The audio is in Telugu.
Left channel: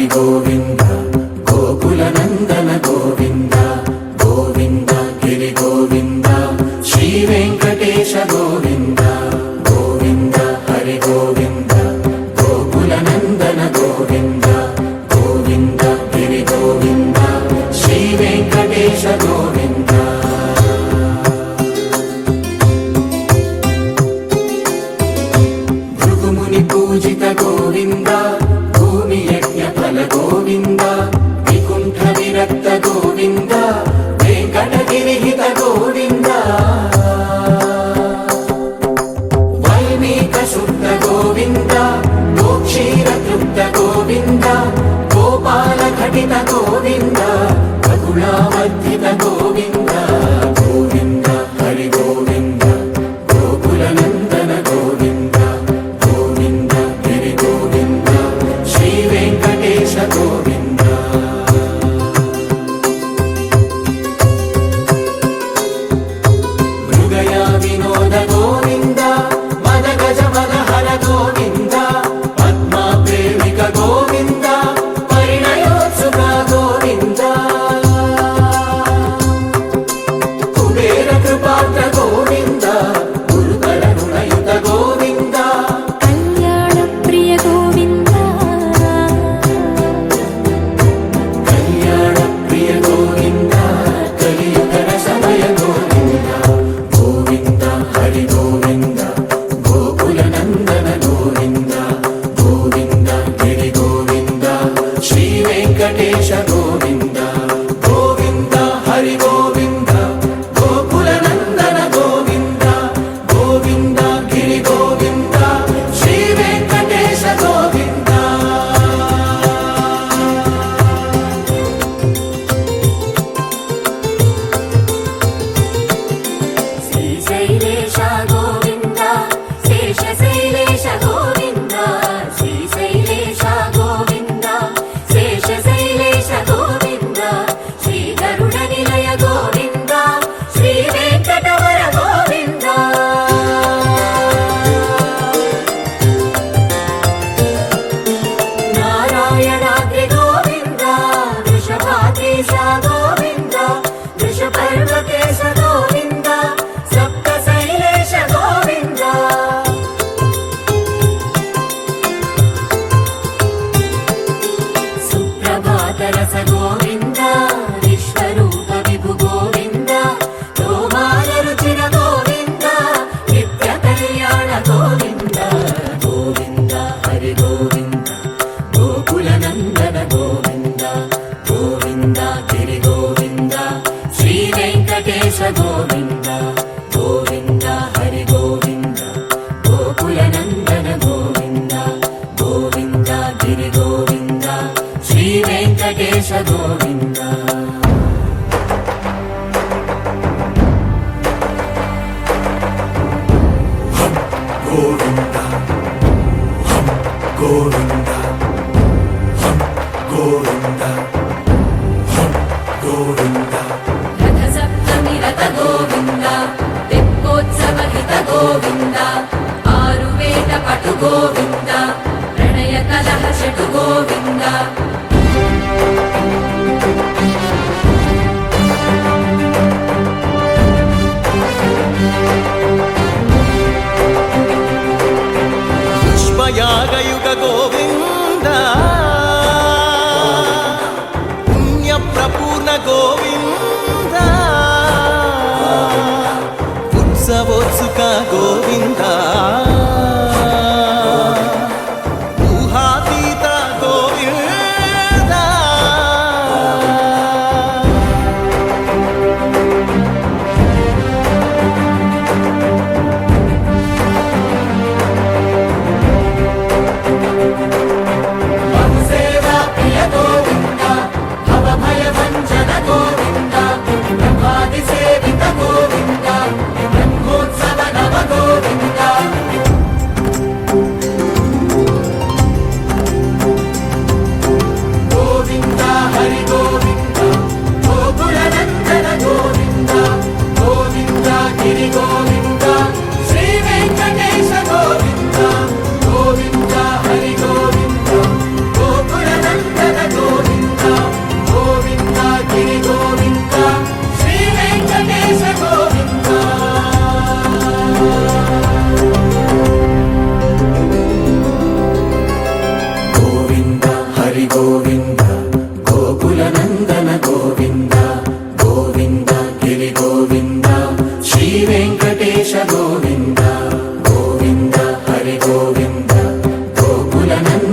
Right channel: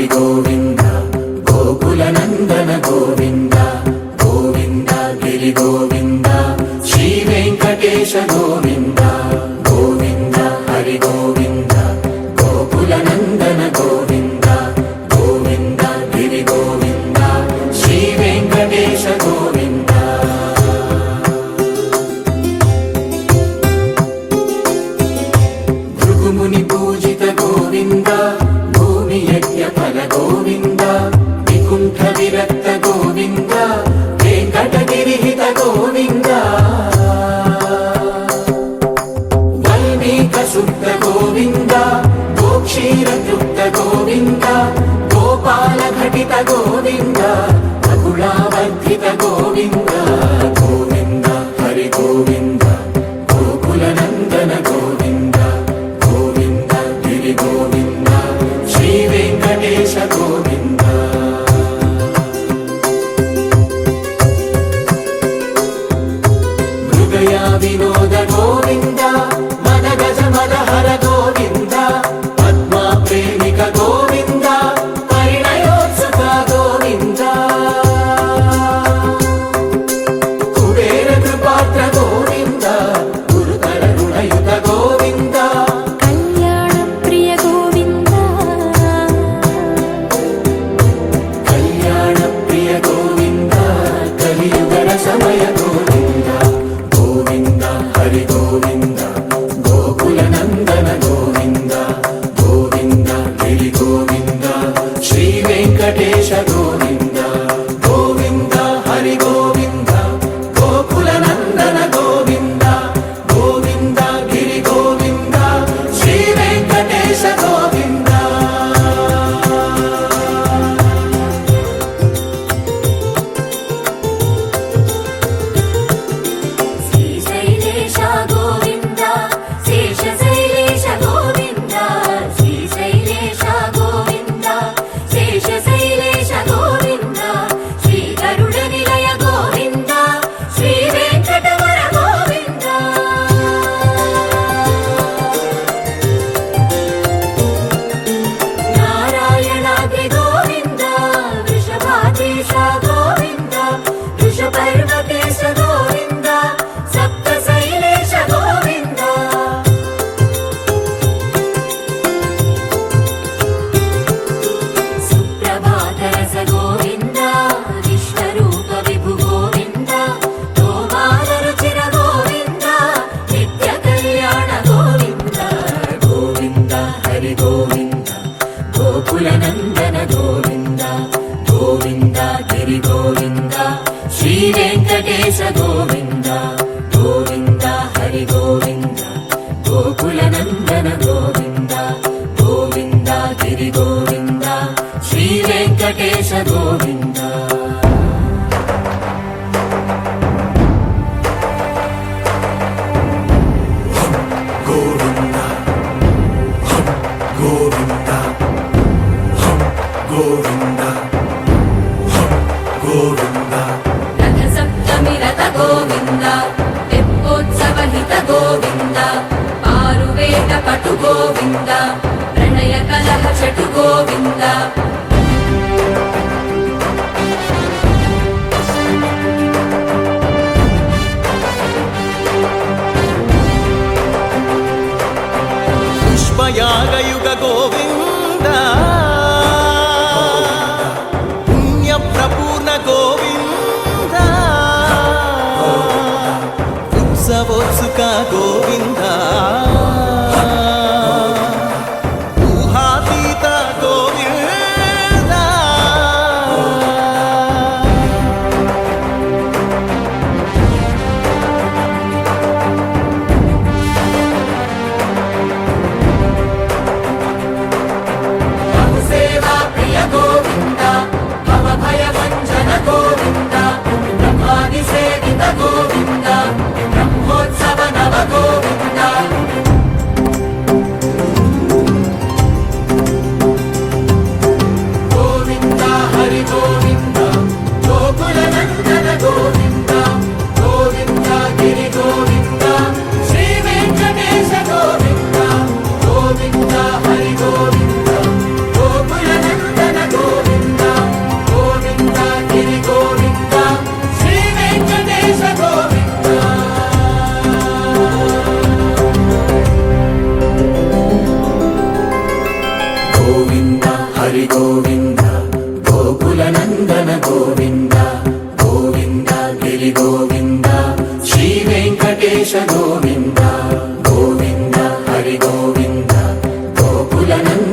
హరి గోవింద గోకుల నందన గోవింద గోవింద గిరి గోవింద శ్రీ వెంకటేశ గోవింద గోవింద హరి గోవింద గోకుల నందన గోవింద గోవింద గిరి గోవింద శ్రీ వెంకటేశ గోవింద భృగుముని పూజిత గోవింద భూమి యజ్ఞ ఫల గోవింద వికుంఠ విరక్త గోవింద వెంకటగిరి హిత గోవింద వల్మీక శుద్ధ గోవింద గోక్షీర తృప్త గోవింద గోపాల ఘటిత గోవింద బహుళావర్ధిత గోవింద గోవింద హరి గోవింద గోకుల నందన గోవింద గోవింద గిరి గోవింద శ్రీ వెంకటేశ గోవింద మృగయ వినోద గోవింద మద గజ మద హర గోవింద పద్మా ప్రేమిక గోవింద పరిణయోత్సుక గోవింద కుబేర కృపాత్ర గోవింద గురుతర రుణయుత గోవింద కళ్యాణ ప్రియ గోవింద కళ్యాణ ప్రియ గోవింద కలియుగ రసమయ గోవింద గోవింద హరి గోవింద గోకుల నందన గోవింద గోవింద గిరి గోవింద శ్రీ వెంకటేశ గోవింద గోవింద హరి గోవింద గోకుల నందన గోవింద గోవింద గిరి గోవింద శ్రీ వెంకటేశ గోవింద శ్రీశైలేశ గోవింద శేషశైలేశ గోవింద శ్రీశైలేశ గోవింద శేషశైలేశ గోవింద శ్రీ గరుడ నిలయ గోవింద శ్రీ వెంకటవర గోవింద నారాయణాద్రి గోవింద వృషభాదేశ గోవింద వృషపర్వతేశ గోవింద సప్త శైలేశ గోవింద సుప్రభాతరస గోవింద విశ్వరూప విభు గోవింద గోమాల రుచిన గోవింద నిత్య కళ్యాణ గోవింద గోవింద హరి గోవింద గోకుల నందన గోవింద గోవింద గిరి గోవింద శ్రీ వెంకటేశ గోవింద గోవింద హరి గోవింద గోకుల నందన గోవింద గోవింద గిరి గోవింద శ్రీ వెంకటేశ గోవింద గోవింద గోవింద గోవింద గోవింద రథ సప్తమి రథ గోవింద తెప్పోత్సవ హిత గోవింద ఆరువేద పటు గోవింద ప్రణయ కలహ షటు గోవింద పుష్పయాగయుగ గోవింద పుణ్య ప్రపూర్ణ గోవింద ఉత్సవోత్సుక గోవింద ఊహాతీత గోవింద సేవా ప్రియ గోవింద భవ భయ భంజన గోవింద బ్రహ్మాది సేవిత గోవింద బ్రహ్మోత్సవ నవ గోవింద హరి గోవింద గోకుల నందన గోవింద గోవింద గిరి గోవింద శ్రీ వెంకటేశ గోవింద